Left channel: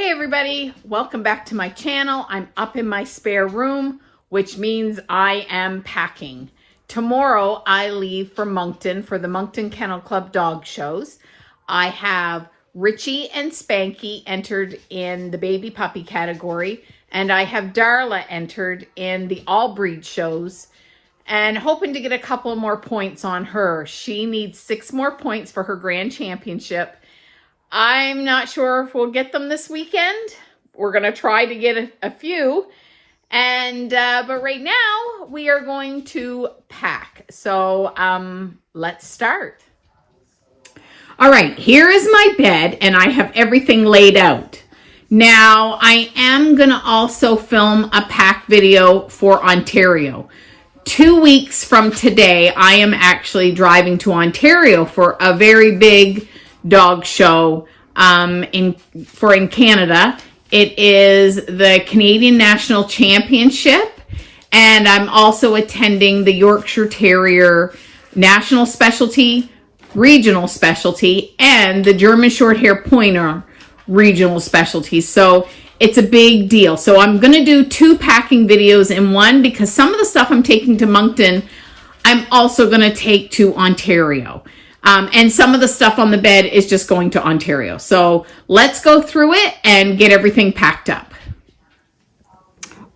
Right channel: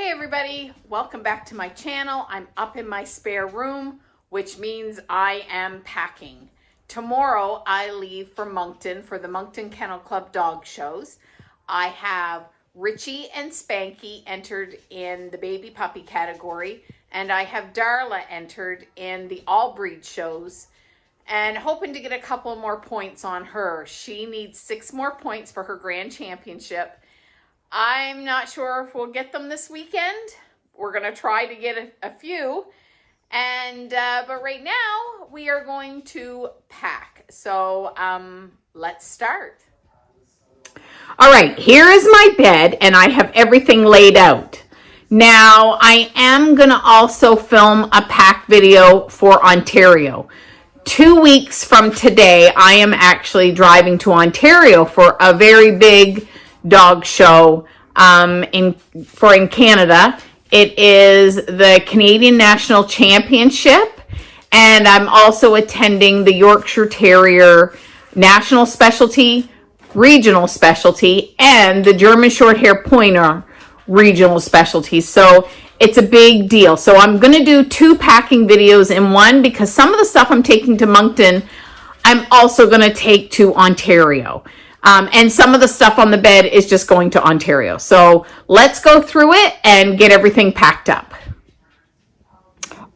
Hey everybody, welcome back to my channel. I'm up in my spare room, which means I am packing. Tomorrow I leave for Moncton for the Moncton Kennel Club dog shows. I have Richey and Spanky entered in the baby puppy category, and I have Darla entered in the all breed shows and hoping to get a couple more points on her. She needs 6 more points for her grand championship. I'm not sure if we'll get them this weekend. We're going to try to get a few. But right now we are going to pack. So let's start. All right, here is my bed and I have everything laid out. Now I am going to also film a pack video for Ontario. 2 weeks from today, I am actually driving to Ontario for a very big dog show in Canada. It is the Canadian National Championship, and I'm also attending the Yorkshire Terrier National Specialty, Regional Specialty, and the German Shorthaired Pointer Regional Specialty. So it's a big deal. So I'm going to do 2 packing videos in one, because some of the stuff I'm taking to Moncton, I'm also going to take to Ontario. And some of the stuff on the bed is just going to Ontario. So let's go through it and get everything packed up.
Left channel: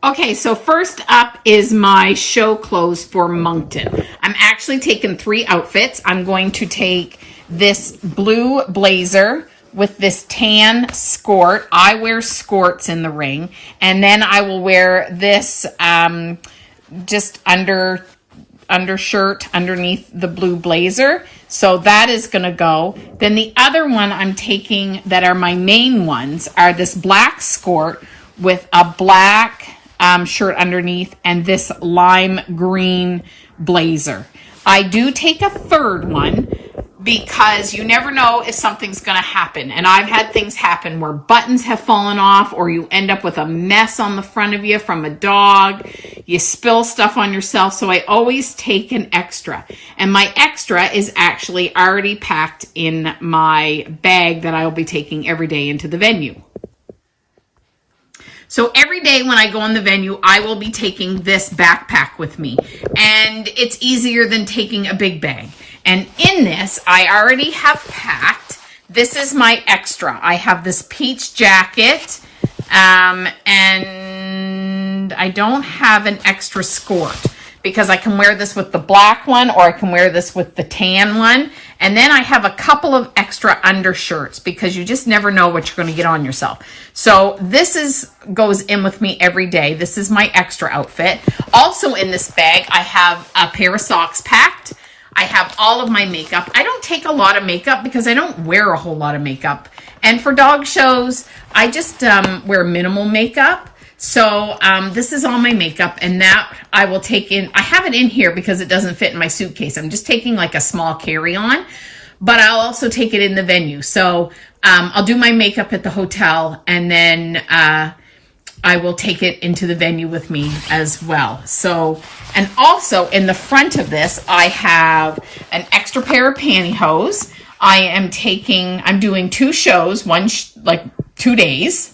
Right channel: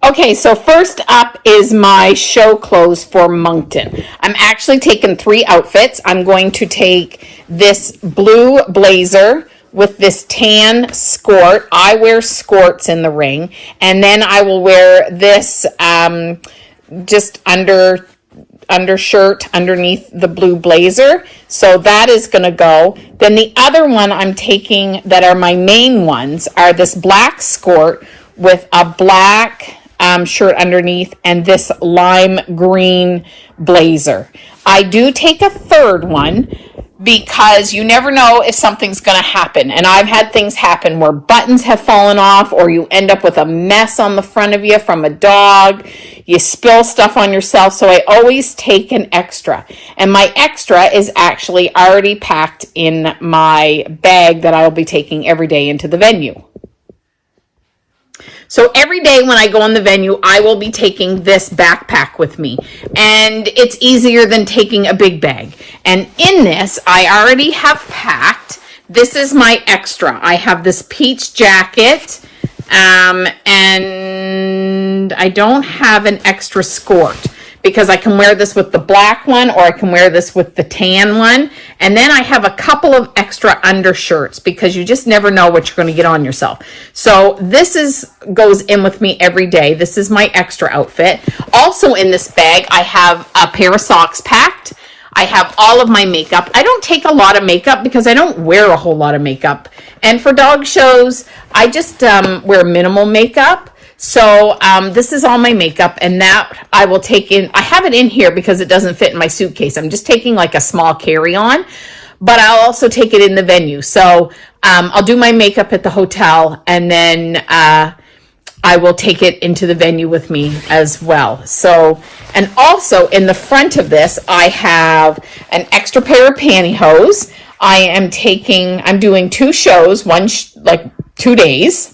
Okay, so first up is my show clothes for Moncton. I'm actually taking 3 outfits. I'm going to take this blue blazer with this tan skirt. I wear skirts in the ring. And then I will wear this just undershirt underneath the blue blazer. So that is going to go. Then the other one I'm taking that are my main ones are this black skirt with a black shirt underneath and this lime green blazer. I do take a third one because you never know if something's going to happen. And I've had things happen where buttons have fallen off, or you end up with a mess on the front of you from a dog. You spill stuff on yourself. So I always take an extra. And my extra is actually already packed in my bag that I'll be taking every day into the venue. So every day when I go on the venue, I will be taking this backpack with me. And it's easier than taking a big bag. And in this, I already have packed. This is my extra. I have this peach jacket. And I don't have an extra skirt, because I can wear this with the black one, or I can wear this with the tan one. And then I have a couple of extra undershirts, because you just never know what you're going to get on yourself. So this goes in with me every day. This is my extra outfit. Also in this bag, I have a pair of socks packed. I have all of my makeup. I don't take a lot of makeup because I don't wear a whole lot of makeup. And for dog shows, I just wear minimal makeup. So this is all my makeup, and that I will take in. I have it in here because it doesn't fit in my suitcase. I'm just taking like a small carry-on, but I'll also take it in the venue. So I'll do my makeup at the hotel, and then I will take it into the venue with me as well. So, and also in the front of this, I have an extra pair of pantyhose. I'm doing 2 shows, like 2 days.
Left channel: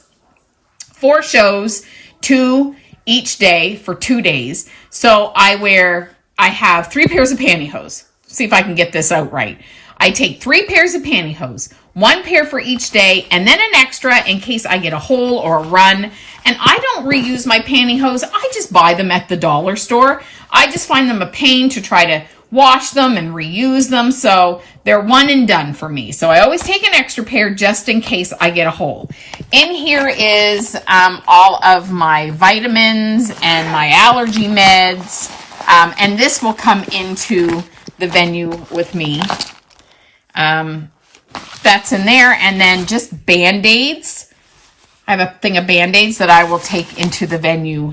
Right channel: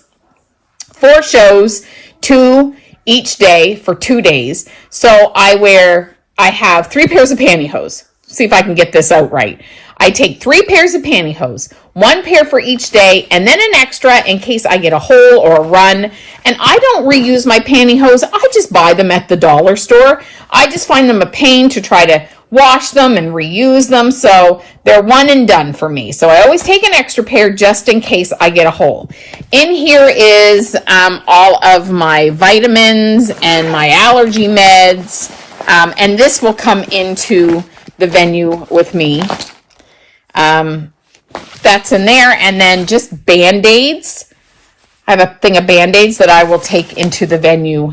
4 shows, 2 each day for 2 days. So I have 3 pairs of pantyhose. See if I can get this out right. I take 3 pairs of pantyhose, 1 pair for each day, and then an extra in case I get a hole or a run. And I don't reuse my pantyhose. I just buy them at the dollar store. I just find them a pain to try to wash them and reuse them. So they're one and done for me. So I always take an extra pair just in case I get a hole. In here is all of my vitamins and my allergy meds. And this will come into the venue with me. That's in there. And then just Band-Aids. I have a thing of Band-Aids that I will take into the venue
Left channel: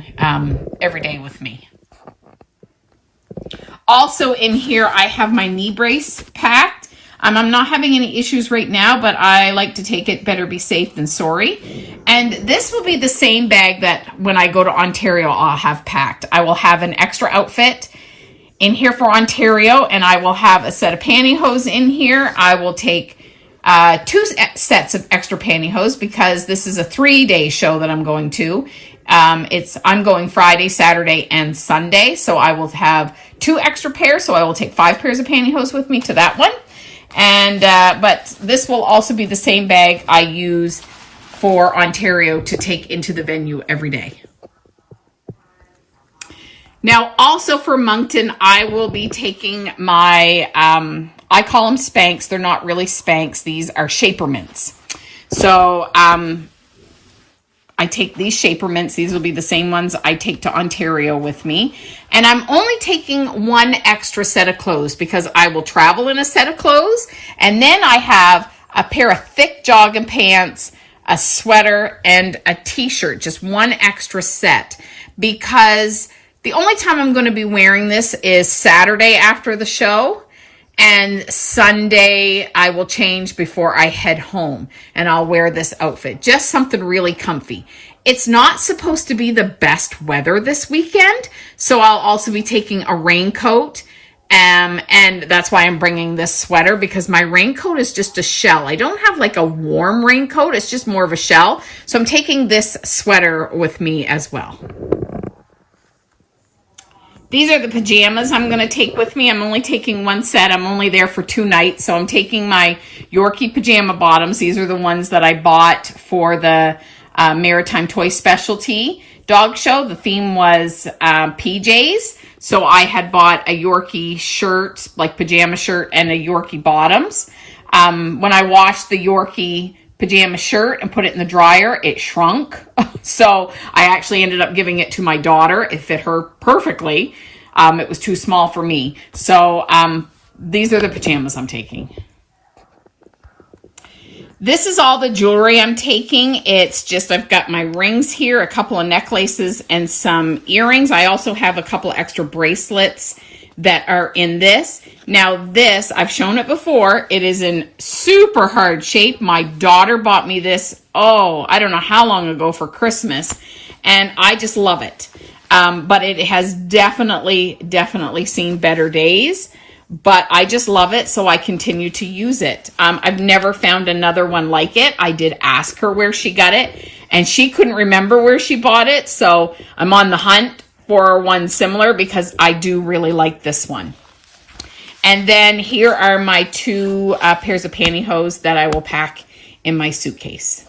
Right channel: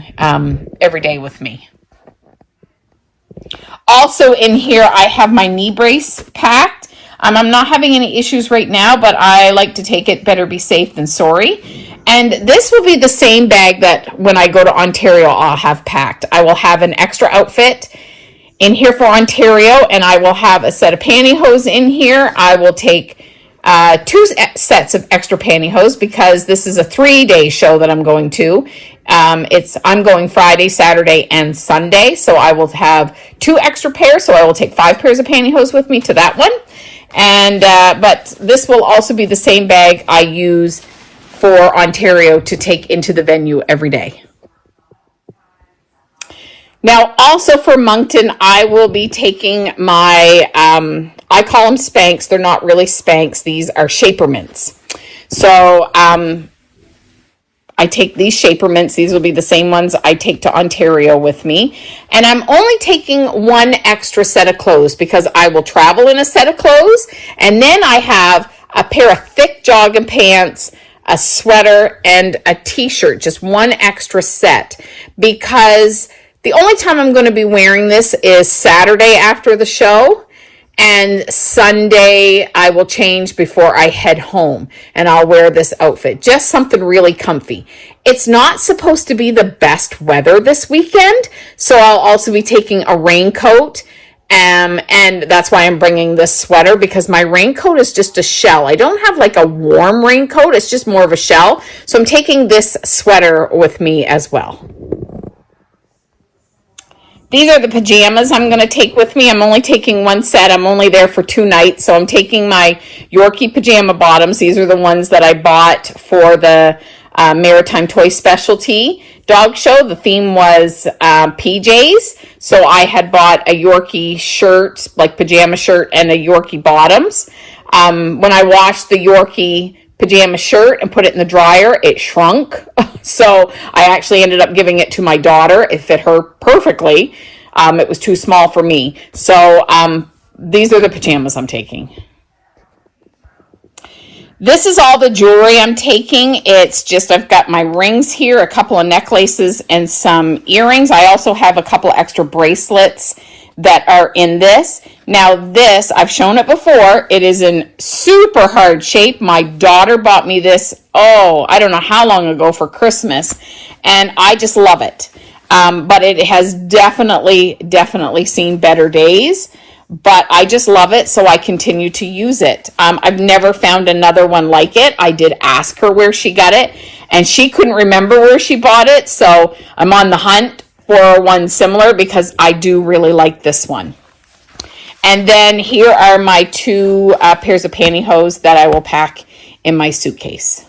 every day with me. Also in here, I have my knee brace packed. I'm not having any issues right now, but I like to take it. Better be safe than sorry. And this will be the same bag that when I go to Ontario, I'll have packed. I will have an extra outfit in here for Ontario, and I will have a set of pantyhose in here. I will take two sets of extra pantyhose because this is a 3-day show that I'm going to. I'm going Friday, Saturday, and Sunday, so I will have 2 extra pairs, so I will take 5 pairs of pantyhose with me to that one. And but this will also be the same bag I use for Ontario to take into the venue every day. Now, also for Moncton, I will be taking my, I call them Spanx. They're not really Spanx. These are Shaper Mints. So I take these Shaper Mints. These will be the same ones I take to Ontario with me. And I'm only taking 1 extra set of clothes because I will travel in a set of clothes. And then I have a pair of thick jogging pants, a sweater, and a t-shirt. Just 1 extra set because the only time I'm going to be wearing this is Saturday after the show, and Sunday I will change before I head home, and I'll wear this outfit. Just something really comfy. It's not supposed to be the best weather this weekend, so I'll also be taking a raincoat, and that's why I'm bringing this sweater, because my raincoat is just a shell. I don't have like a warm raincoat. It's just more of a shell, so I'm taking this sweater with me as well. These are the pajamas I'm going to take with me. I'm only taking 1 set. I'm only there for 2 nights. So I'm taking my Yorkie pajama bottoms. These are the ones that I bought for the Maritime Toy Specialty dog show. The theme was PJs. So I had bought a Yorkie shirt, like pajama shirt, and a Yorkie bottoms. When I washed the Yorkie pajama shirt and put it in the dryer, it shrunk. So I actually ended up giving it to my daughter. It fit her perfectly. It was too small for me. So these are the pajamas I'm taking. This is all the jewelry I'm taking. It's just, I've got my rings here, a couple of necklaces, and some earrings. I also have a couple extra bracelets that are in this. Now this, I've shown it before. It is in super hard shape. My daughter bought me this, I don't know how long ago, for Christmas, and I just love it. But it has definitely seen better days, but I just love it, so I continue to use it. I've never found another one like it. I did ask her where she got it, and she couldn't remember where she bought it, so I'm on the hunt for one similar because I do really like this one. And then here are my 2 pairs of pantyhose that I will pack in my suitcase.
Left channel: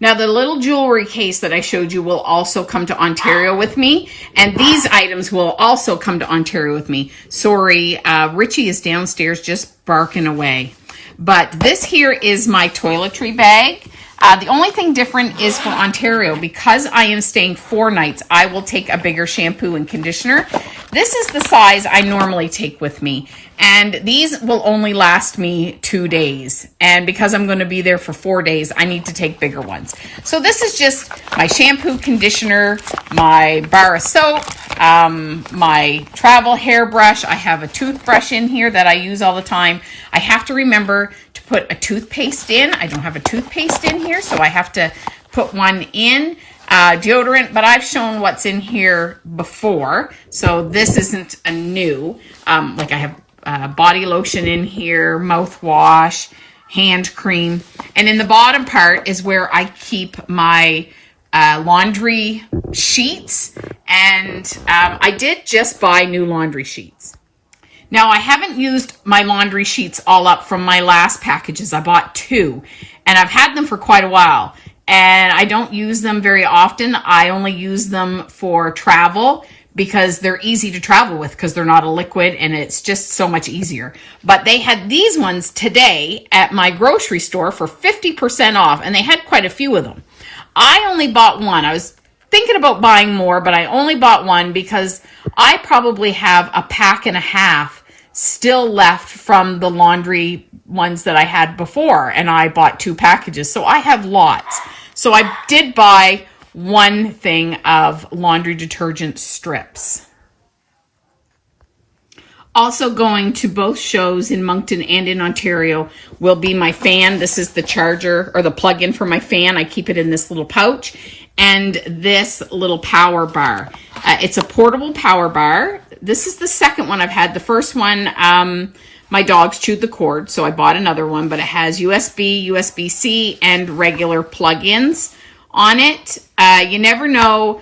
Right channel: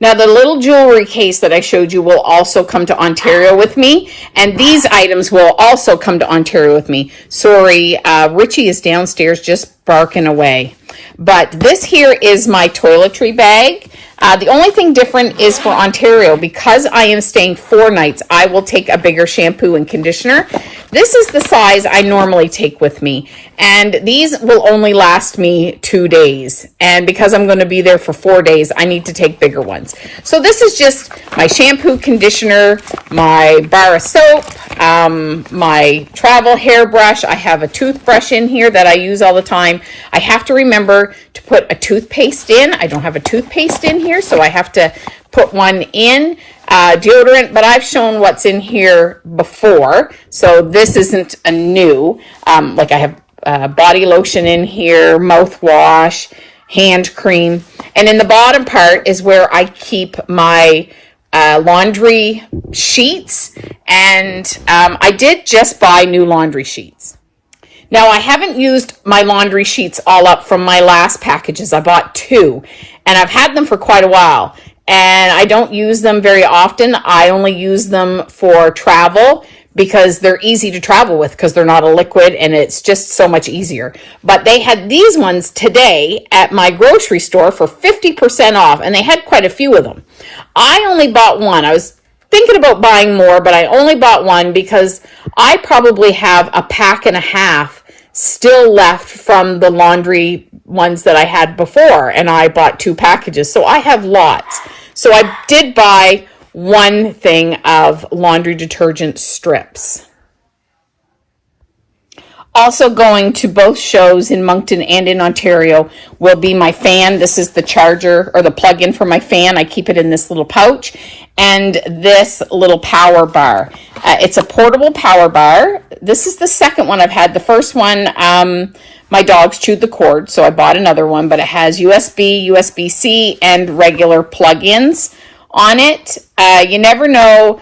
Now the little jewelry case that I showed you will also come to Ontario with me, and these items will also come to Ontario with me. Sorry, Richey is downstairs just barking away. But this here is my toiletry bag. The only thing different is for Ontario, because I am staying 4 nights, I will take a bigger shampoo and conditioner. This is the size I normally take with me, and these will only last me 2 days. And because I'm going to be there for 4 days, I need to take bigger ones. So this is just my shampoo, conditioner, my bar of soap, my travel hairbrush. I have a toothbrush in here that I use all the time. I have to remember to put a toothpaste in. I don't have a toothpaste in here, so I have to put one in. Deodorant, but I've shown what's in here before, so this isn't a new. Like I have body lotion in here, mouthwash, hand cream, and in the bottom part is where I keep my laundry sheets, and I did just buy new laundry sheets. Now, I haven't used my laundry sheets all up from my last packages. I bought 2, and I've had them for quite a while, and I don't use them very often. I only use them for travel because they're easy to travel with because they're not a liquid, and it's just so much easier. But they had these ones today at my grocery store for 50% off, and they had quite a few of them. I only bought 1. I was thinking about buying more, but I only bought 1 because I probably have a pack and a half still left from the laundry ones that I had before, and I bought 2 packages, so I have lots. So I did buy 1 thing of laundry detergent strips. Also going to both shows in Moncton and in Ontario will be my fan. This is the charger or the plug-in for my fan. I keep it in this little pouch. And this little power bar. It's a portable power bar. This is the second one I've had. The first one, my dogs chewed the cord, so I bought another one, but it has USB, USB-C, and regular plug-ins on it. You never know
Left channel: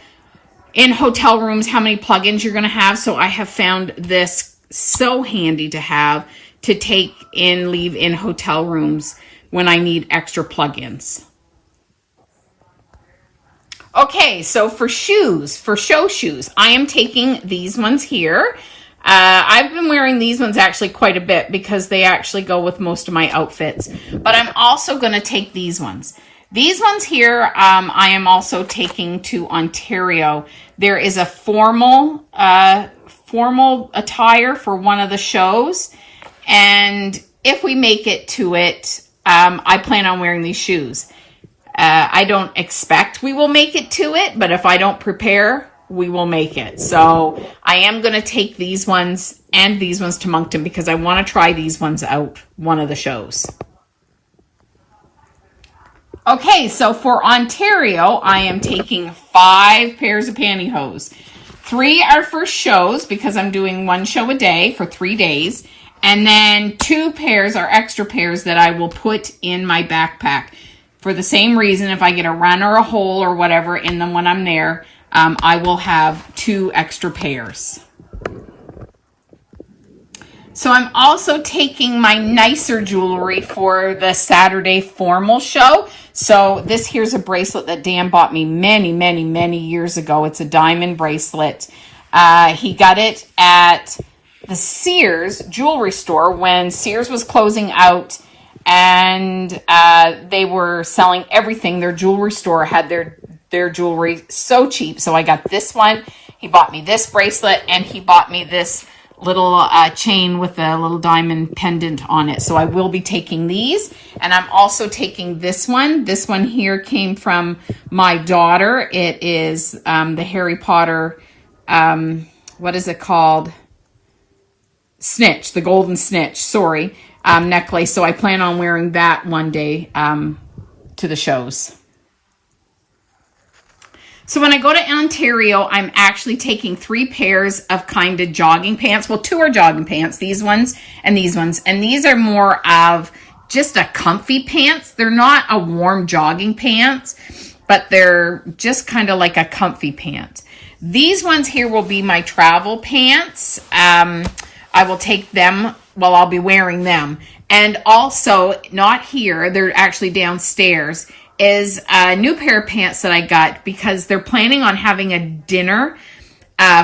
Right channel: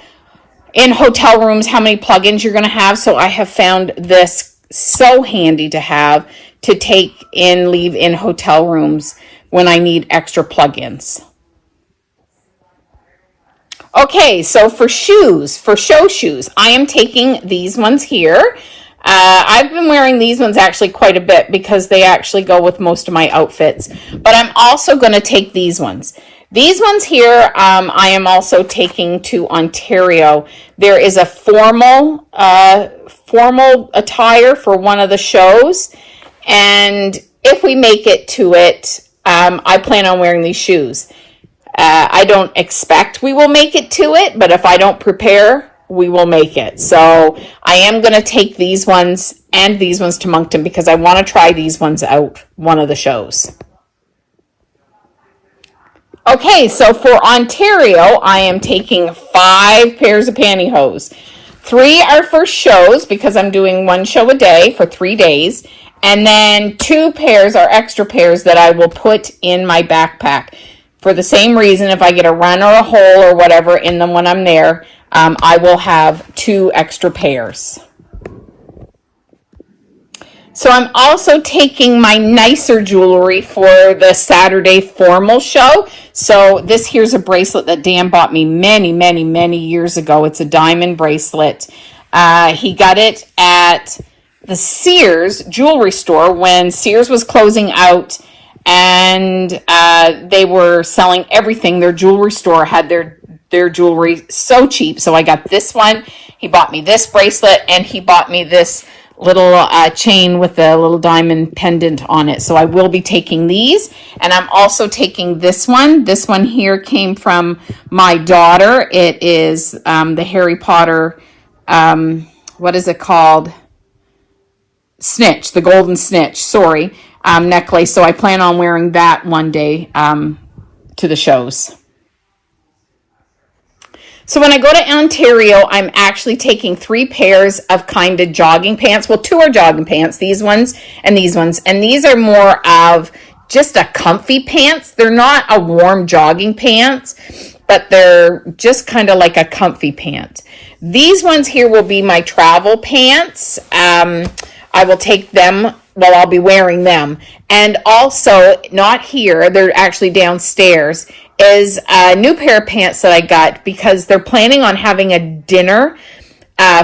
in hotel rooms how many plug-ins you're going to have, so I have found this so handy to have to leave in hotel rooms when I need extra plug-ins. Okay, so for shoes, for show shoes, I am taking these ones here. I've been wearing these ones actually quite a bit because they actually go with most of my outfits. But I'm also going to take these ones. These ones here, I am also taking to Ontario. There is a formal attire for one of the shows. And if we make it to it, I plan on wearing these shoes. I don't expect we will make it to it, but if I don't prepare, we will make it. So I am going to take these ones and these ones to Moncton because I want to try these ones out one of the shows. Okay, so for Ontario, I am taking 5 pairs of pantyhose. 3 are for shows because I'm doing 1 show a day for 3 days. And then 2 pairs are extra pairs that I will put in my backpack. For the same reason, if I get a run or a hole or whatever in them when I'm there, I will have 2 extra pairs. So I'm also taking my nicer jewelry for the Saturday formal show. So this here's a bracelet that Dan bought me many, many, many years ago. It's a diamond bracelet. He got it at the Sears jewelry store when Sears was closing out, and they were selling everything. Their jewelry store had their jewelry so cheap. So I got this one. He bought me this bracelet, and he bought me this little chain with a little diamond pendant on it. So I will be taking these. And I'm also taking this one. This one here came from my daughter. It is the Harry Potter, what is it called? Snitch, the golden snitch, sorry, necklace. So I plan on wearing that one day to the shows. So when I go to Ontario, I'm actually taking 3 pairs of kind of jogging pants. Well, 2 are jogging pants, these ones and these ones. And these are more of just a comfy pants. They're not a warm jogging pants, but they're just kind of like a comfy pant. These ones here will be my travel pants. I will take them, well, I'll be wearing them. And also, not here, they're actually downstairs, is a new pair of pants that I got because they're planning on having a dinner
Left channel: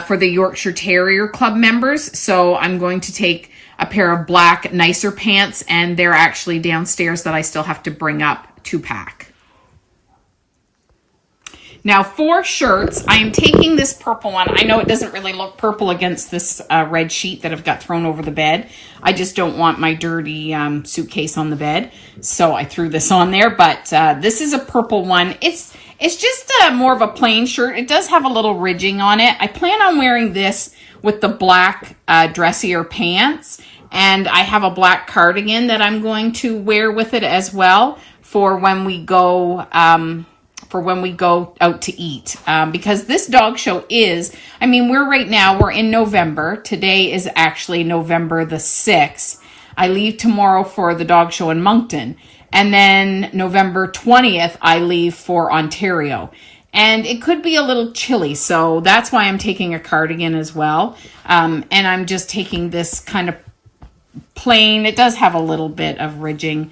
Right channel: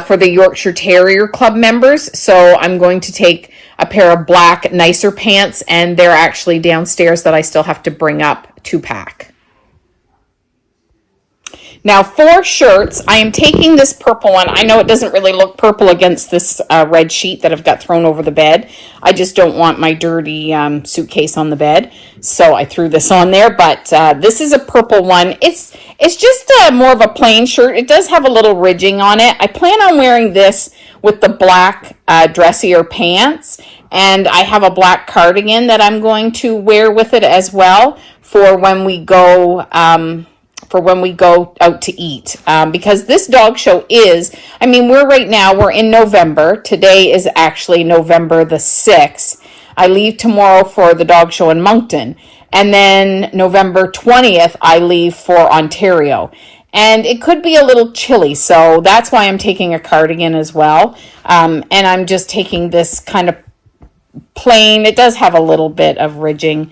for the Yorkshire Terrier Club members. So I'm going to take a pair of black, nicer pants, and they're actually downstairs that I still have to bring up to pack. Now for shirts, I am taking this purple one. I know it doesn't really look purple against this red sheet that I've got thrown over the bed. I just don't want my dirty suitcase on the bed. So I threw this on there, but this is a purple one. It's just more of a plain shirt. It does have a little ridging on it. I plan on wearing this with the black dressier pants. And I have a black cardigan that I'm going to wear with it as well for when we go out to eat, because this dog show is, I mean, we're in November. Today is actually November the 6th. I leave tomorrow for the dog show in Moncton. And then November 20th, I leave for Ontario. And it could be a little chilly, so that's why I'm taking a cardigan as well. And I'm just taking this kind of plain, it does have a little bit of ridging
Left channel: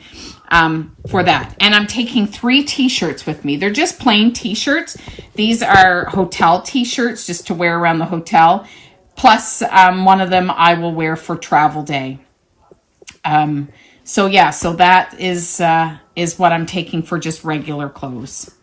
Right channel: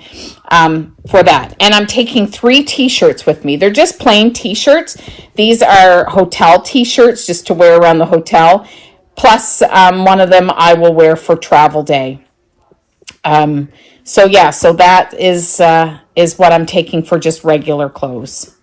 for that. And I'm taking 3 t-shirts with me. They're just plain t-shirts. These are hotel t-shirts just to wear around the hotel. Plus one of them I will wear for travel day. So that is what I'm taking for just regular clothes.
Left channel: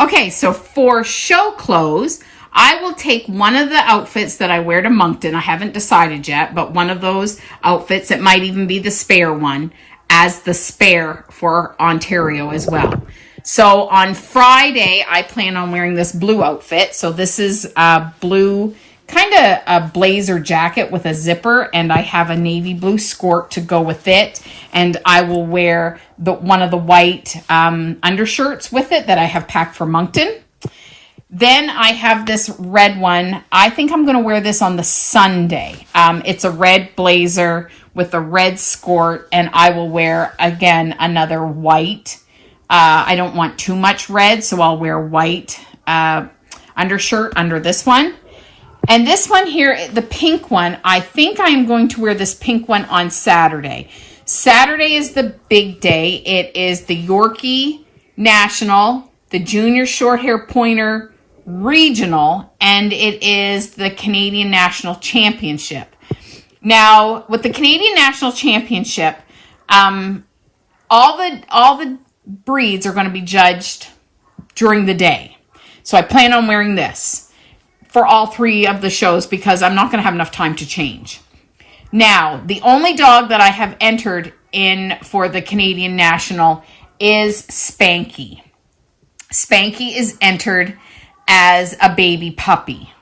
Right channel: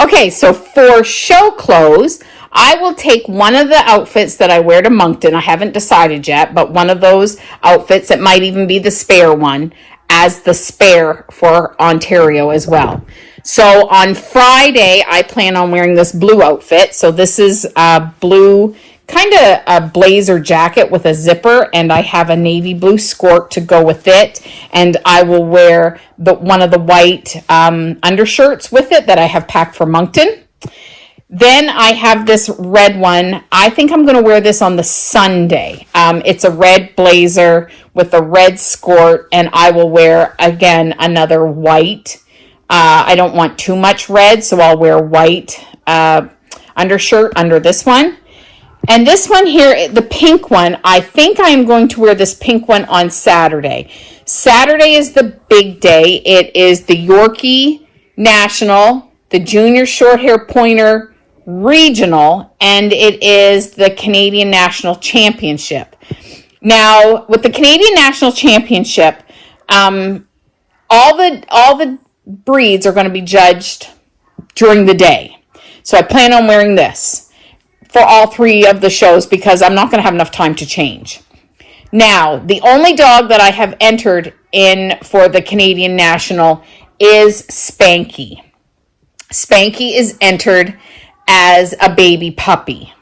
Okay, so for show clothes, I will take one of the outfits that I wear to Moncton. I haven't decided yet, but one of those outfits, it might even be the spare one, as the spare for Ontario as well. So on Friday, I plan on wearing this blue outfit. So this is a blue, kind of a blazer jacket with a zipper, and I have a navy blue skirt to go with it. And I will wear one of the white undershirts with it that I have packed for Moncton. Then I have this red one. I think I'm going to wear this on the Sunday. It's a red blazer with a red skirt, and I will wear, again, another white. I don't want too much red, so I'll wear white undershirt under this one. And this one here, the pink one, I think I am going to wear this pink one on Saturday. Saturday is the big day. It is the Yorkie National, the Junior Shorthaired Pointer Regional, and it is the Canadian National Championship. Now, with the Canadian National Championship, all the breeds are going to be judged during the day. So I plan on wearing this for all three of the shows because I'm not going to have enough time to change. Now, the only dog that I have entered in for the Canadian National is Spanky. Spanky is entered as a baby puppy.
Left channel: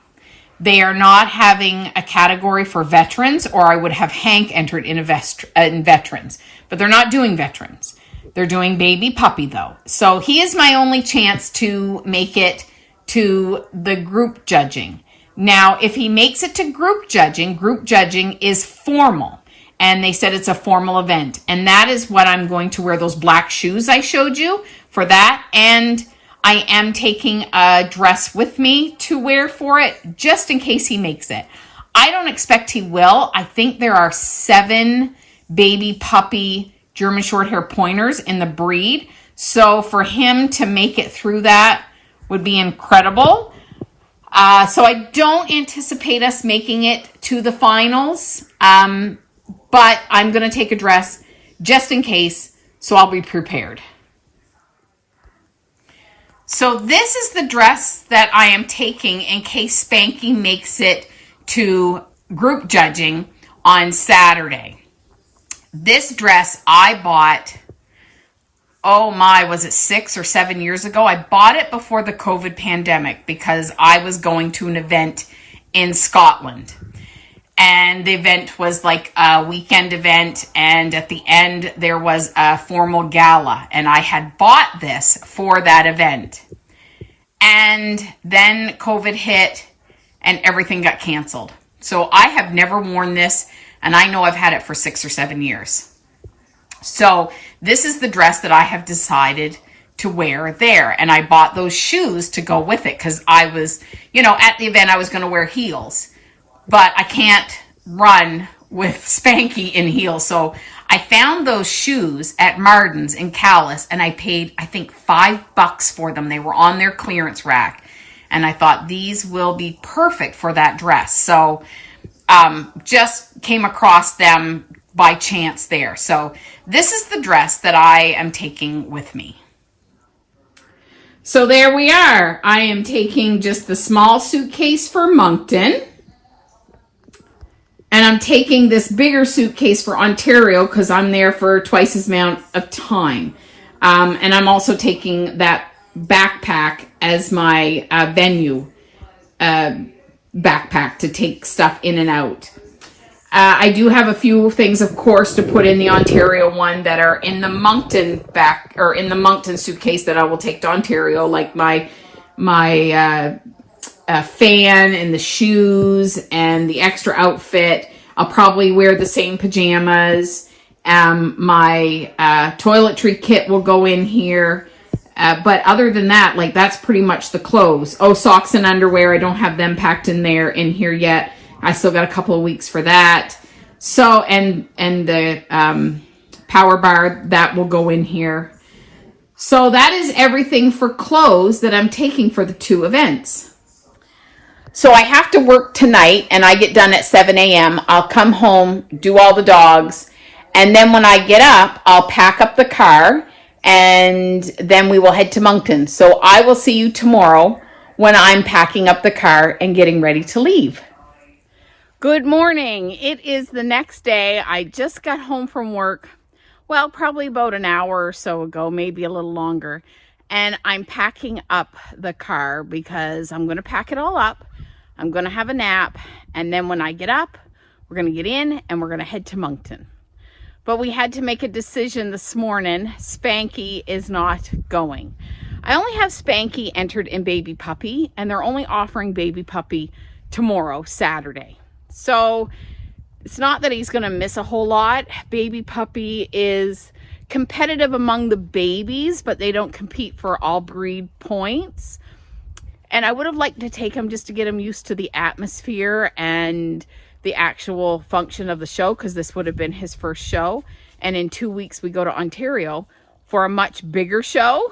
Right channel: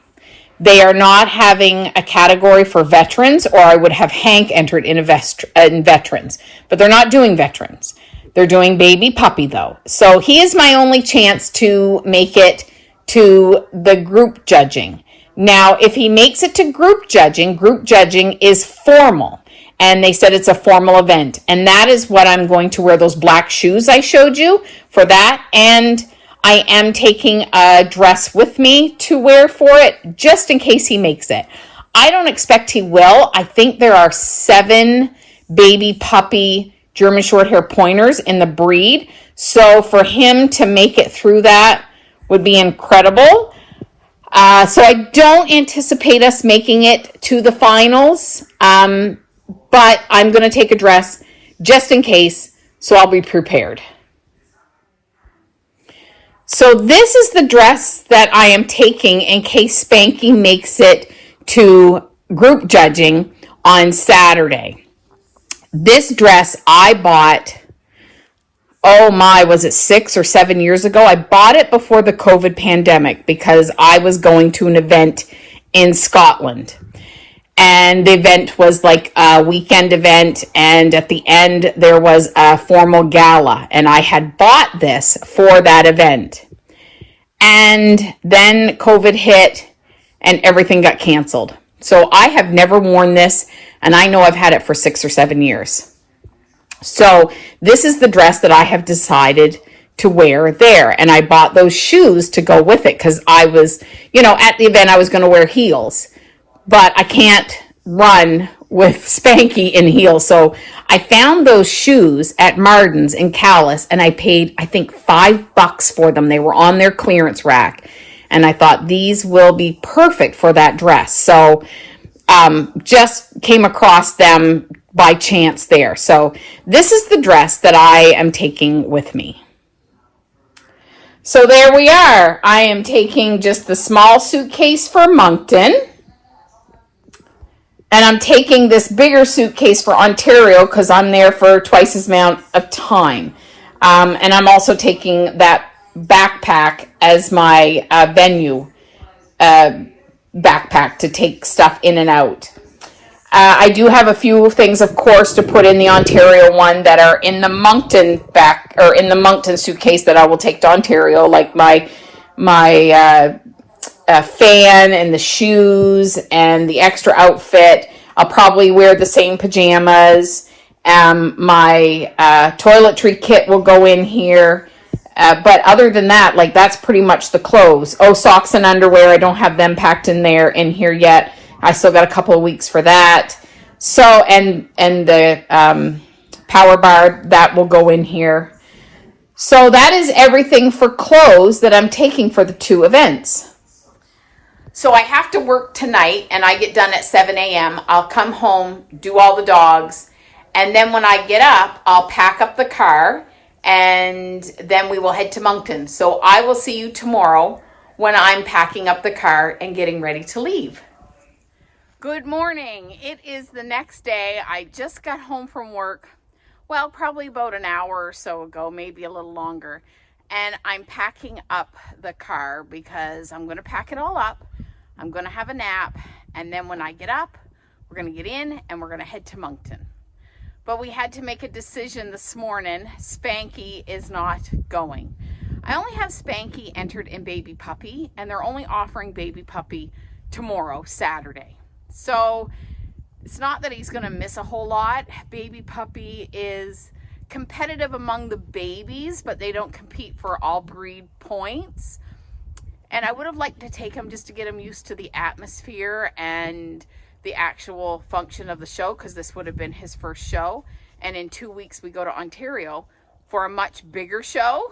They are not having a category for veterans, or I would have Hank entered in veterans, but they're not doing veterans. They're doing baby puppy though. So he is my only chance to make it to the group judging. Now, if he makes it to group judging is formal. And they said it's a formal event. And that is what I'm going to wear, those black shoes I showed you for that. And I am taking a dress with me to wear for it, just in case he makes it. I don't expect he will. I think there are 7 baby puppy German Shorthaired Pointers in the breed. So for him to make it through that would be incredible. So I don't anticipate us making it to the finals, but I'm going to take a dress just in case, so I'll be prepared. So this is the dress that I am taking in case Spanky makes it to group judging on Saturday. This dress I bought, oh my, was it 6 or 7 years ago? I bought it before the COVID pandemic because I was going to an event in Scotland. And the event was like a weekend event, and at the end there was a formal gala, and I had bought this for that event. And then COVID hit and everything got canceled. So I have never worn this, and I know I've had it for 6 or 7 years. So this is the dress that I have decided to wear there. And I bought those shoes to go with it because I was, at the event I was going to wear heels. But I can't run with Spanky in heels. So I found those shoes at Martin's in Calais, and I paid, I think, $5 for them. They were on their clearance rack. And I thought these will be perfect for that dress. So just came across them by chance there. So this is the dress that I am taking with me. So there we are. I am taking just the small suitcase for Moncton. And I'm taking this bigger suitcase for Ontario because I'm there for twice as amount of time. And I'm also taking that backpack as my venue backpack to take stuff in and out. I do have a few things, of course, to put in the Ontario one that are in the Moncton in the Moncton suitcase that I will take to Ontario, like my fan and the shoes and the extra outfit. I'll probably wear the same pajamas. My toiletry kit will go in here. But other than that, that's pretty much the clothes. Oh, socks and underwear. I don't have them packed in here yet. I still got a couple of weeks for that. So, and the power bar, that will go in here. So that is everything for clothes that I'm taking for the 2 events. So I have to work tonight, and I get done at 7 a.m. I'll come home, do all the dogs, and then when I get up, I'll pack up the car, and then we will head to Moncton. So I will see you tomorrow when I'm packing up the car and getting ready to leave. Good morning. It is the next day. I just got home from work, well, probably about an hour or so ago, maybe a little longer. And I'm packing up the car because I'm going to pack it all up. I'm going to have a nap. And then when I get up, we're going to get in and we're going to head to Moncton. But we had to make a decision this morning. Spanky is not going. I only have Spanky entered in baby puppy, and they're only offering baby puppy tomorrow, Saturday. So it's not that he's going to miss a whole lot. Baby puppy is competitive among the babies, but they don't compete for all breed points. And I would have liked to take him just to get him used to the atmosphere and the actual function of the show, because this would have been his first show. And in 2 weeks, we go to Ontario for a much bigger show.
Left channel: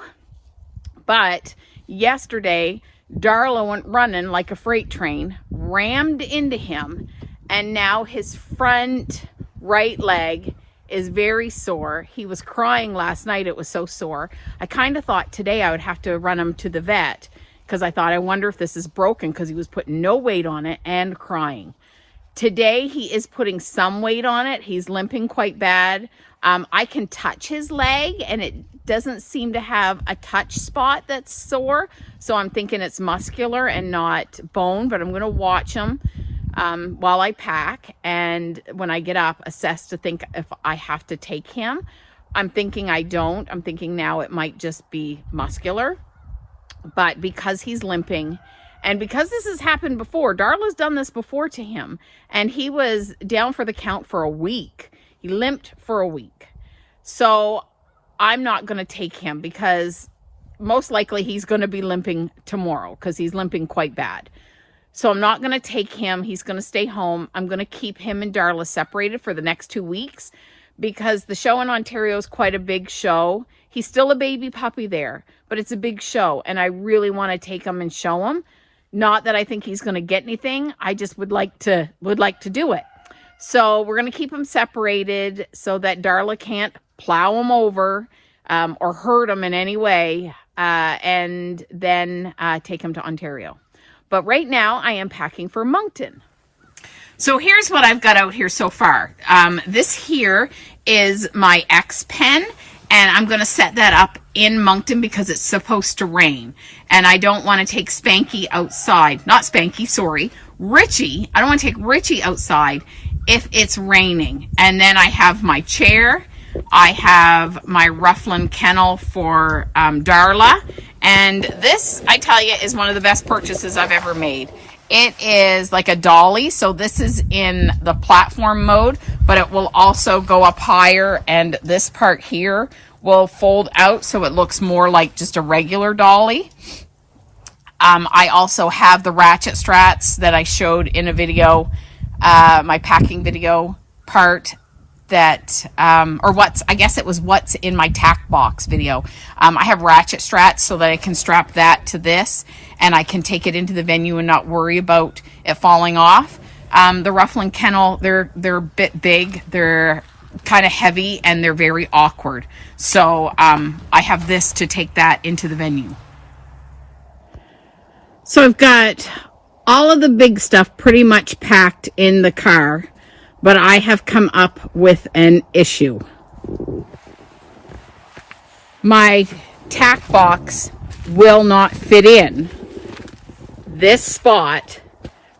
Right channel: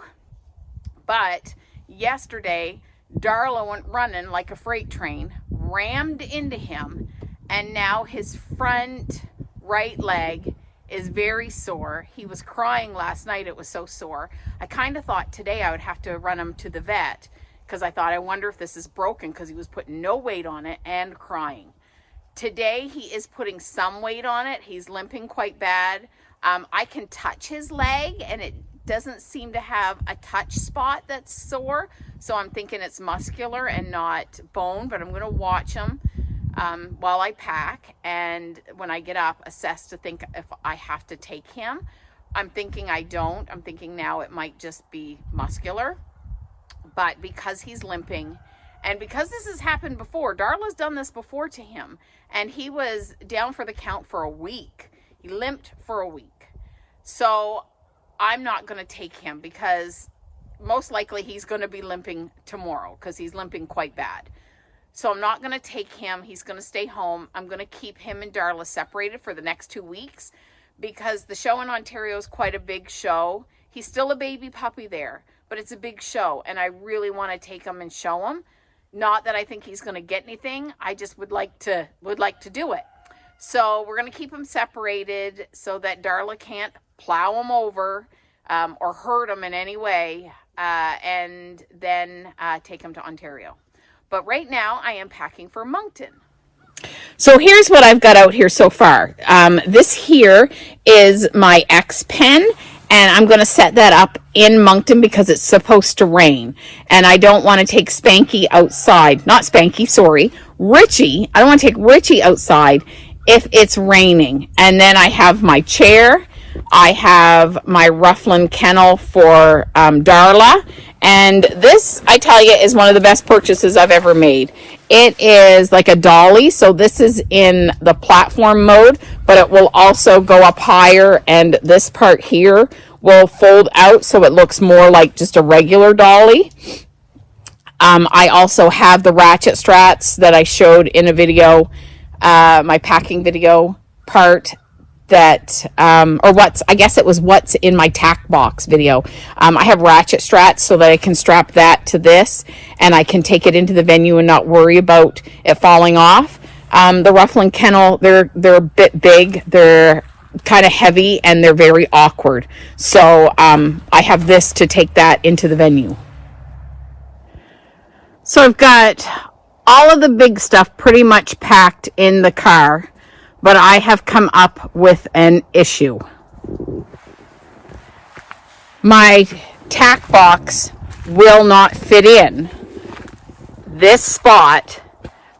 But yesterday, Darla went running like a freight train, rammed into him, and now his front right leg is very sore. He was crying last night. It was so sore. I kind of thought today I would have to run him to the vet, because I thought, I wonder if this is broken, because he was putting no weight on it and crying. Today, he is putting some weight on it. He's limping quite bad. I can touch his leg, and it doesn't seem to have a touch spot that's sore. So I'm thinking it's muscular and not bone, but I'm going to watch him while I pack. And when I get up, assess to think if I have to take him. I'm thinking I don't. I'm thinking now it might just be muscular. But because he's limping, and because this has happened before, Darla's done this before to him, and he was down for the count for a week. He limped for a week. So I'm not going to take him, because most likely he's going to be limping tomorrow, because he's limping quite bad. So I'm not going to take him. He's going to stay home. I'm going to keep him and Darla separated for the next 2 weeks, because the show in Ontario is quite a big show. He's still a baby puppy there, but it's a big show, and I really want to take him and show him. Not that I think he's going to get anything. I just would like to do it. So we're going to keep him separated so that Darla can't plow him over or hurt him in any way, and then take him to Ontario. But right now I am packing for Moncton. So here's what I've got out here so far. This here is my X pen, and I'm going to set that up in Moncton because it's supposed to rain. And I don't want to take Spanky outside. Not Spanky, sorry. Richey. I don't want to take Richey outside if it's raining. And then I have my chair. I have my Rufflin kennel for Darla. And this, I tell you, is one of the best purchases I've ever made. It is like a dolly, so this is in the platform mode, but it will also go up higher, and this part here will fold out so it looks more like just a regular dolly. I also have the ratchet straps that I showed in a video, my packing video part, that I guess it was what's in my tack box video. I have ratchet straps so that I can strap that to this, and I can take it into the venue and not worry about it falling off. The Rufflin kennel, they're a bit big, they're kind of heavy, and they're very awkward. So I have this to take that into the venue. So I've got all of the big stuff pretty much packed in the car. But I have come up with an issue. My tack box will not fit in this spot,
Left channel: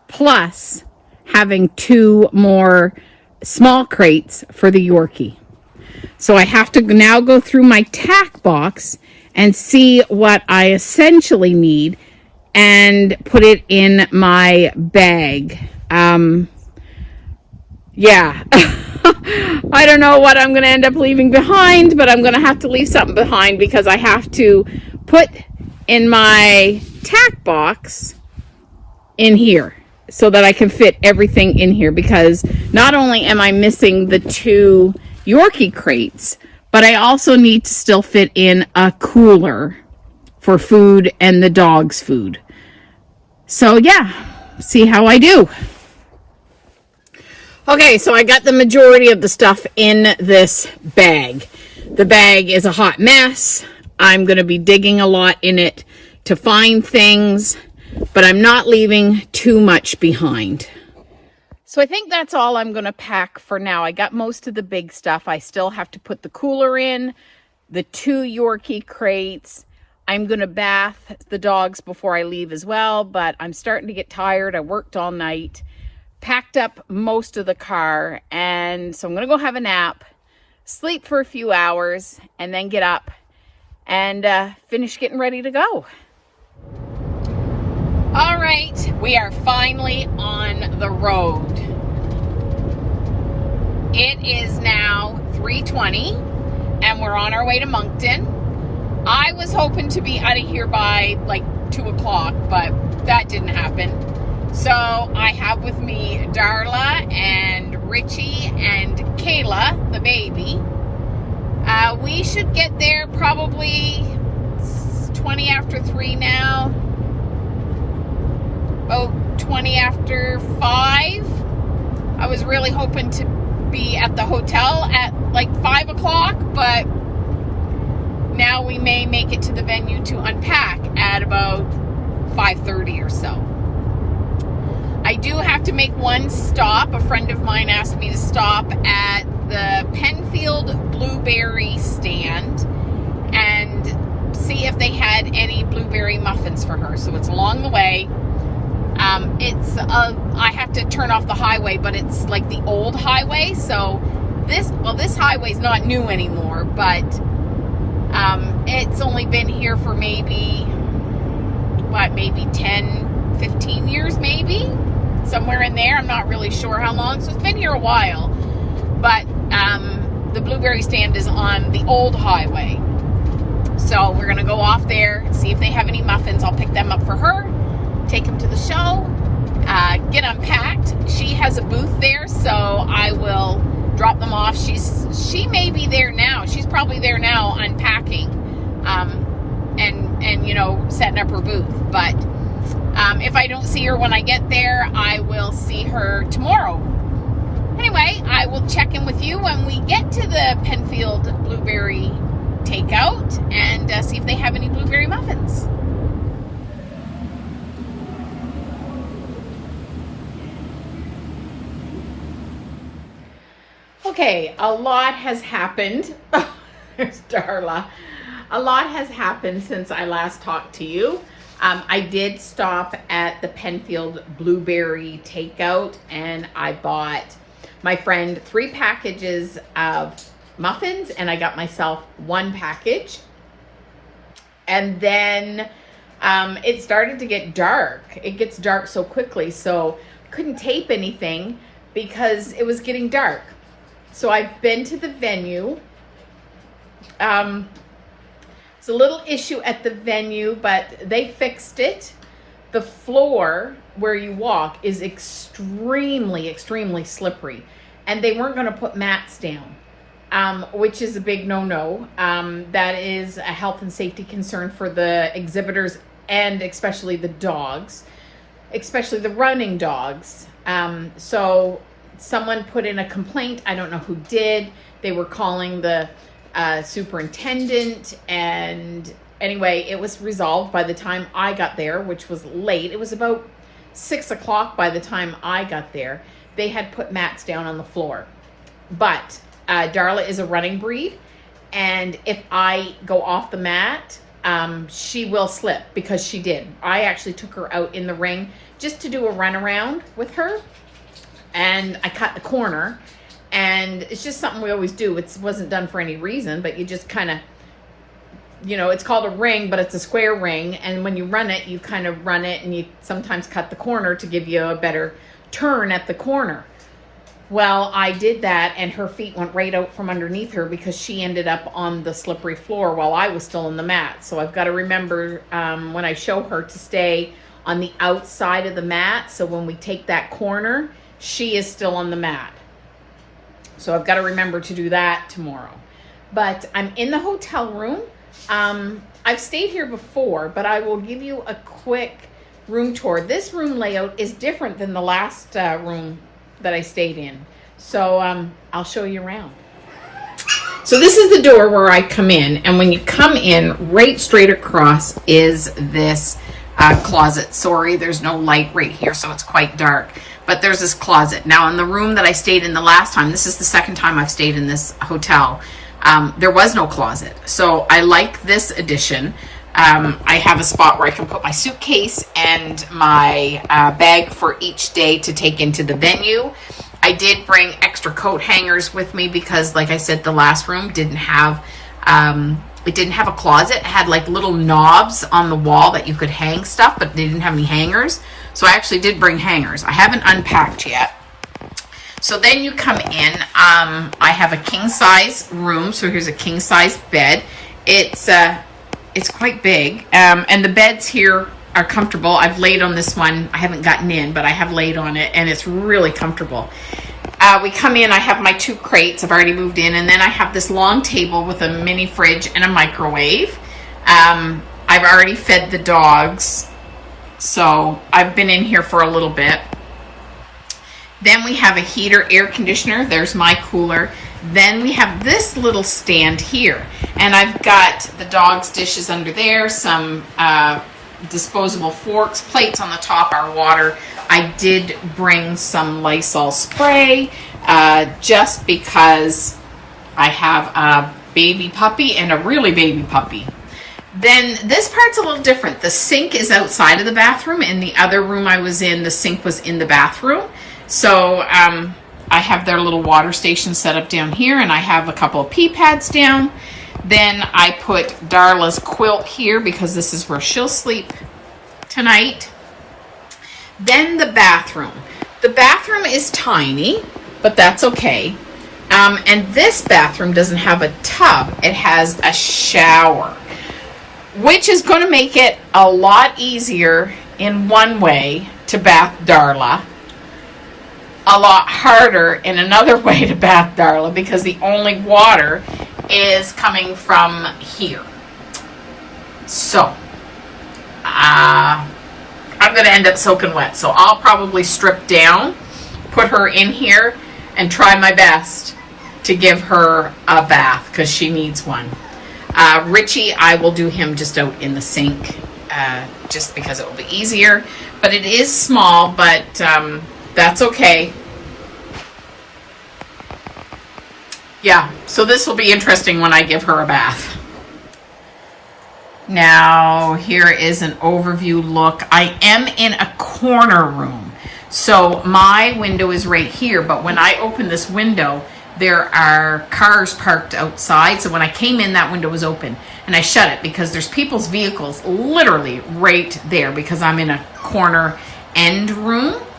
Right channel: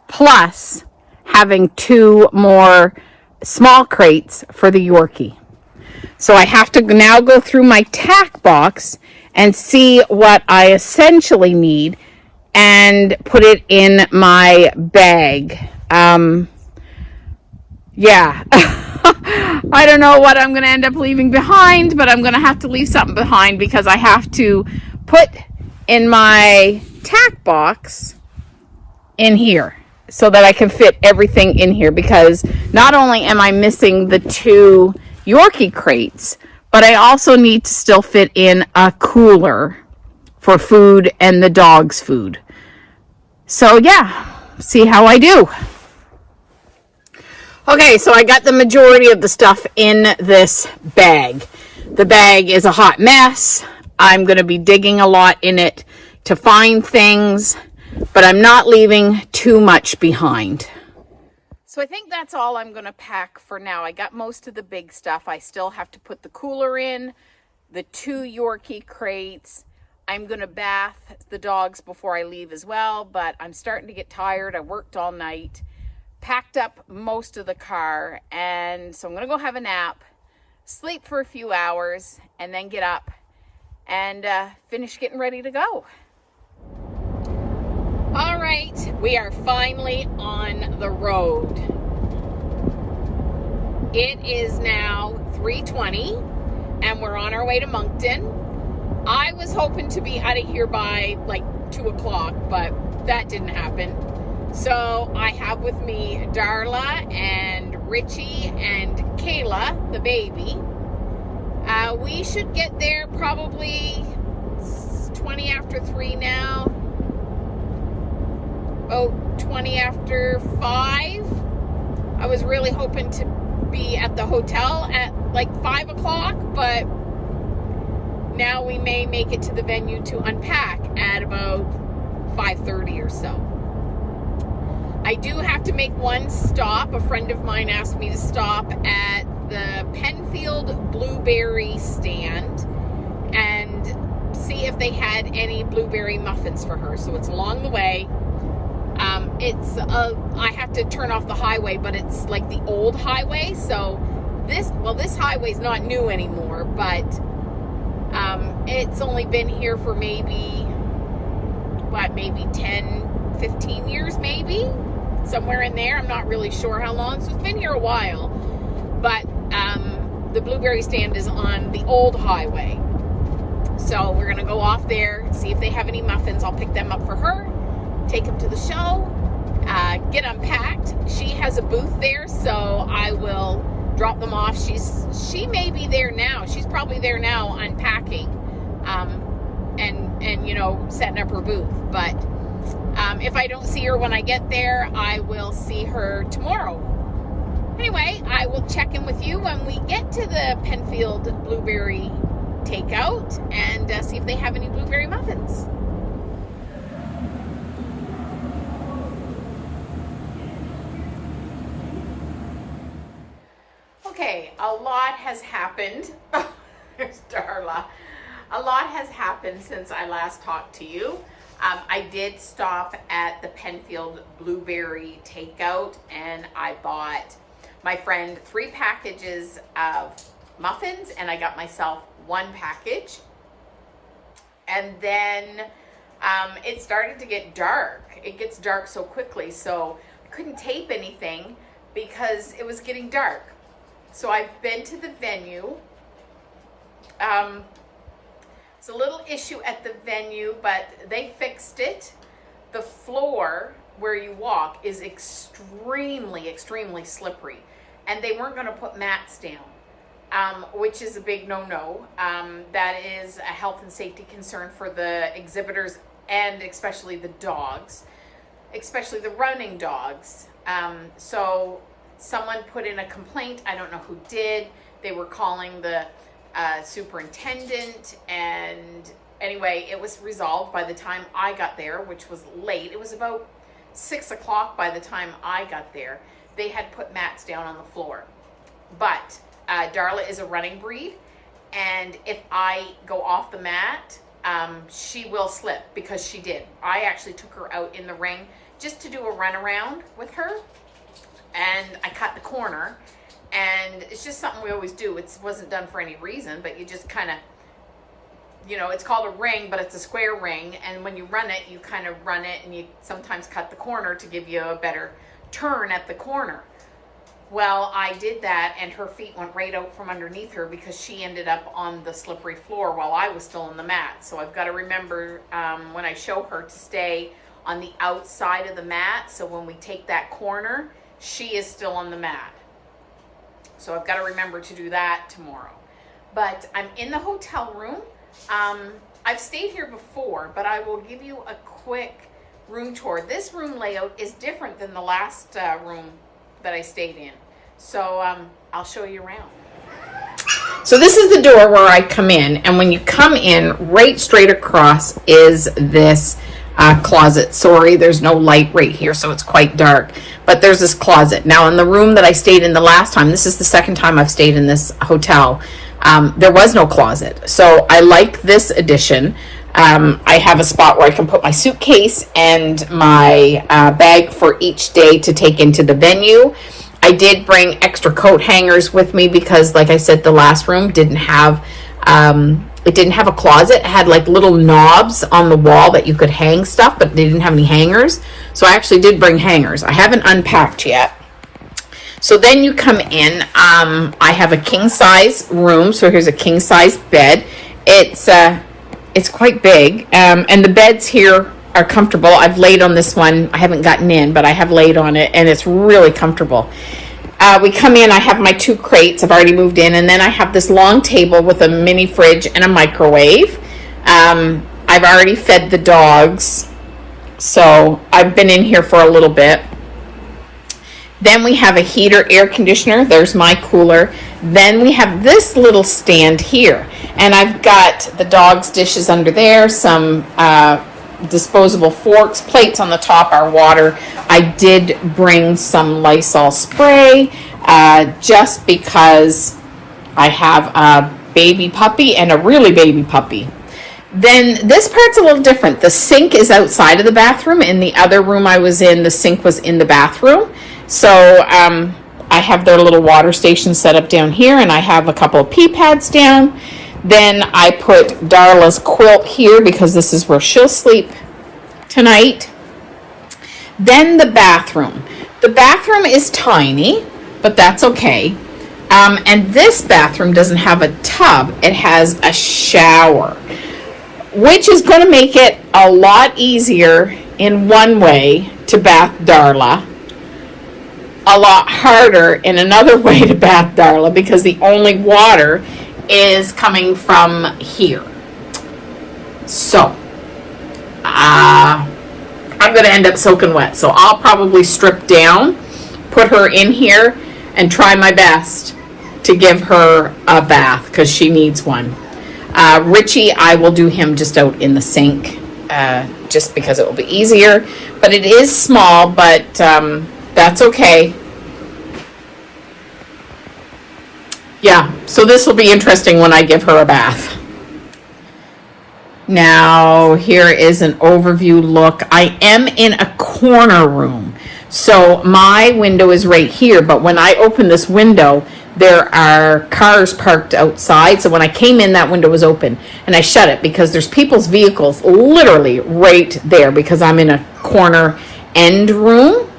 plus having 2 more small crates for the Yorkie. So I have to now go through my tack box and see what I essentially need and put it in my bag. Yeah, I don't know what I'm going to end up leaving behind, but I'm going to have to leave something behind because I have to put in my tack box in here so that I can fit everything in here, because not only am I missing the 2 Yorkie crates, but I also need to still fit in a cooler for food and the dog's food. So yeah, see how I do. Okay, so I got the majority of the stuff in this bag. The bag is a hot mess. I'm going to be digging a lot in it to find things, but I'm not leaving too much behind. So I think that's all I'm going to pack for now. I got most of the big stuff. I still have to put the cooler in, the 2 Yorkie crates. I'm going to bath the dogs before I leave as well, but I'm starting to get tired. I worked all night. Packed up most of the car, and so I'm gonna go have a nap, sleep for a few hours, and then get up and finish getting ready to go. All right, we are finally on the road. It is now 3:20 and we're on our way to Moncton. I was hoping to be out of here by like 2 o'clock, but that didn't happen. So I have with me Darla and Richey and Kayla, the baby. We should get there probably 20 after 3 now. Oh, 20 after 5. I was really hoping to be at the hotel at like 5 o'clock, but now we may make it to the venue to unpack at about 5:30 or so. I do have to make one stop. A friend of mine asked me to stop at the Penfield blueberry stand and see if they had any blueberry muffins for her. So it's along the way. I have to turn off the highway, but it's like the old highway. So this highway's not new anymore, but it's only been here for maybe 10, 15 years, maybe somewhere in there. I'm not really sure how long. So it's been here a while, but the blueberry stand is on the old highway. So we're gonna go off there, see if they have any muffins. I'll pick them up for her, take them to the show, get unpacked. She has a booth there, so I will drop them off. She may be there now. She's probably there now unpacking, and you know, setting up her booth. But if I don't see her when I get there, I will see her tomorrow. Anyway, I will check in with you when we get to the Penfield blueberry takeout and see if they have any blueberry muffins. Okay, a lot has happened. There's Darla. A lot has happened since I last talked to you. I did stop at the Penfield blueberry takeout and I bought my friend 3 packages of muffins and I got myself 1 package. And then it started to get dark. It gets dark so quickly, so I couldn't tape anything because it was getting dark. So I've been to the venue. It's a little issue at the venue, but they fixed it. The floor where you walk is extremely, extremely slippery. And they weren't going to put mats down, which is a big no-no. That is a health and safety concern for the exhibitors and especially the dogs, especially the running dogs. So someone put in a complaint. I don't know who did. They were calling the superintendent, and anyway, it was resolved by the time I got there, which was late. It was about 6 o'clock by the time I got there. They had put mats down on the floor. But Darla is a running breed, and if I go off the mat, she will slip, because she did. I actually took her out in the ring just to do a run around with her, and I cut the corner, and it's just something we always do. It wasn't done for any reason, but you just kind of, you know, it's called a ring, but it's a square ring, and when you run it, you kind of run it, and you sometimes cut the corner to give you a better turn at the corner. Well, I did that, and her feet went right out from underneath her because she ended up on the slippery floor while I was still on the mat. So I've got to remember when I show her to stay on the outside of the mat, so when we take that corner, she is still on the mat. So I've got to remember to do that tomorrow. But I'm in the hotel room. I've stayed here before, but I will give you a quick room tour. This room layout is different than the last room that I stayed in. So I'll show you around. So this is the door where I come in, and when you come in, right straight across is this closet. Sorry, there's no light right here, so it's quite dark, but there's this closet. Now, in the room that I stayed in the last time, this is the second time I've stayed in this hotel, there was no closet. So I like this addition. I have a spot where I can put my suitcase and my bag for each day to take into the venue. I did bring extra coat hangers with me because, like I said, the last room didn't have It didn't have a closet. It had like little knobs on the wall that you could hang stuff, but they didn't have any hangers. So I actually did bring hangers. I haven't unpacked yet. So then you come in. I have a king size room. So here's a king size bed. It's quite big. And the beds here are comfortable. I've laid on this one. I haven't gotten in, but I have laid on it, and it's really comfortable. We come in, I have my 2 crates. I've already moved in, and then I have this long table with a mini fridge and a microwave. I've already fed the dogs, so I've been in here for a little bit. Then we have a heater, air conditioner. There's my cooler. Then we have this little stand here, and I've got the dogs' dishes under there, some disposable forks, plates on the top, our water. I did bring some Lysol spray just because I have a baby puppy and a really baby puppy. Then this part's a little different. The sink is outside of the bathroom. In the other room I was in, the sink was in the bathroom. So I have their little water station set up down here, and I have a couple of pee pads down. Then I put Darla's quilt here because this is where she'll sleep tonight. Then the bathroom. The bathroom is tiny, but that's okay. And this bathroom doesn't have a tub. It has a shower, which is going to make it a lot easier in one way to bath Darla. A lot harder in another way to bath Darla because the only water is coming from here. So, I'm going to end up soaking wet. So I'll probably strip down, put her in here, and try my best to give her a bath because she needs one. Richey, I will do him just out in the sink just because it will be easier. But it is small, but that's okay. Yeah, so this will be interesting when I give her a bath. Now, here is an overview look. I am in a corner room. So my window is right here, but when I open this window, there are cars parked outside. So when I came in, that window was open, and I shut it because there's people's vehicles literally right there because I'm in a corner end room.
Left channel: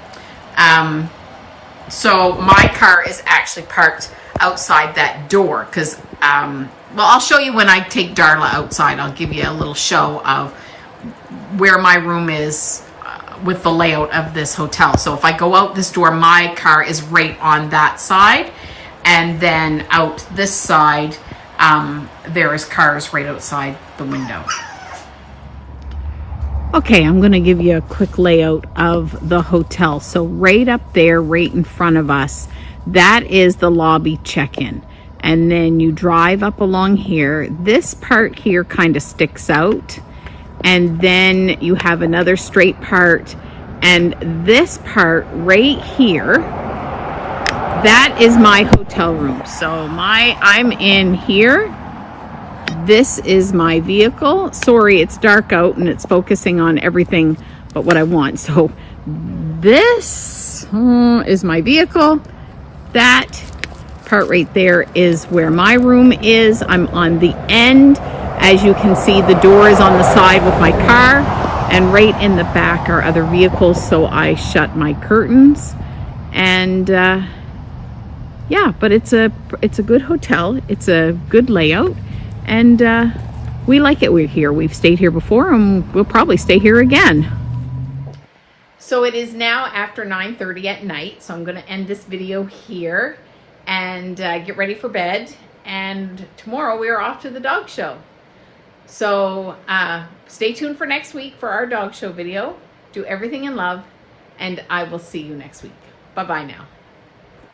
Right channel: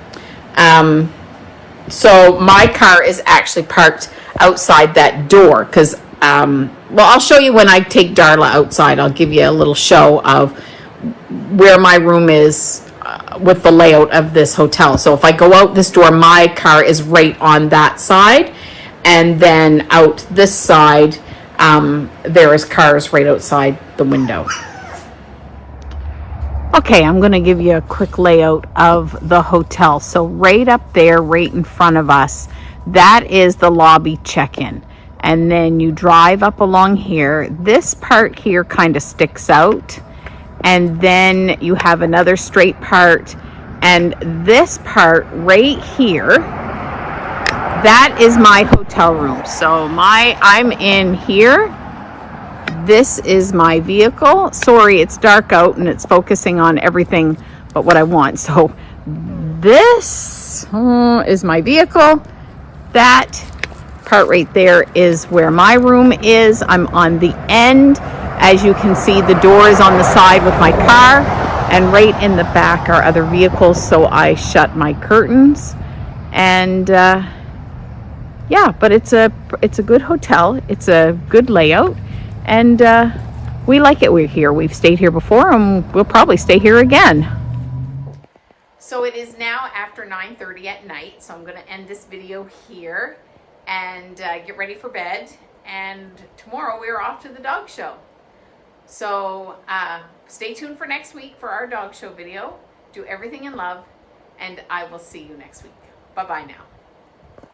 So my car is actually parked outside that door because, well, I'll show you when I take Darla outside. I'll give you a little show of where my room is with the layout of this hotel. So if I go out this door, my car is right on that side. And then out this side, there is cars right outside the window. Okay, I'm going to give you a quick layout of the hotel. So right up there, right in front of us, that is the lobby check-in. And then you drive up along here. This part here kind of sticks out. And then you have another straight part. And this part right here, that is my hotel room. So I'm in here. This is my vehicle. Sorry, it's dark out and it's focusing on everything but what I want. So this is my vehicle. That part right there is where my room is. I'm on the end. As you can see, the door is on the side with my car, and right in the back are other vehicles, so I shut my curtains. And yeah, but it's a good hotel. It's a good layout, and we like it. We're here. We've stayed here before, and we'll probably stay here again. So it is now after 9:30 at night, so I'm going to end this video here and get ready for bed. And tomorrow we are off to the dog show. So stay tuned for next week for our dog show video. Do everything in love, and I will see you next week. Bye-bye now.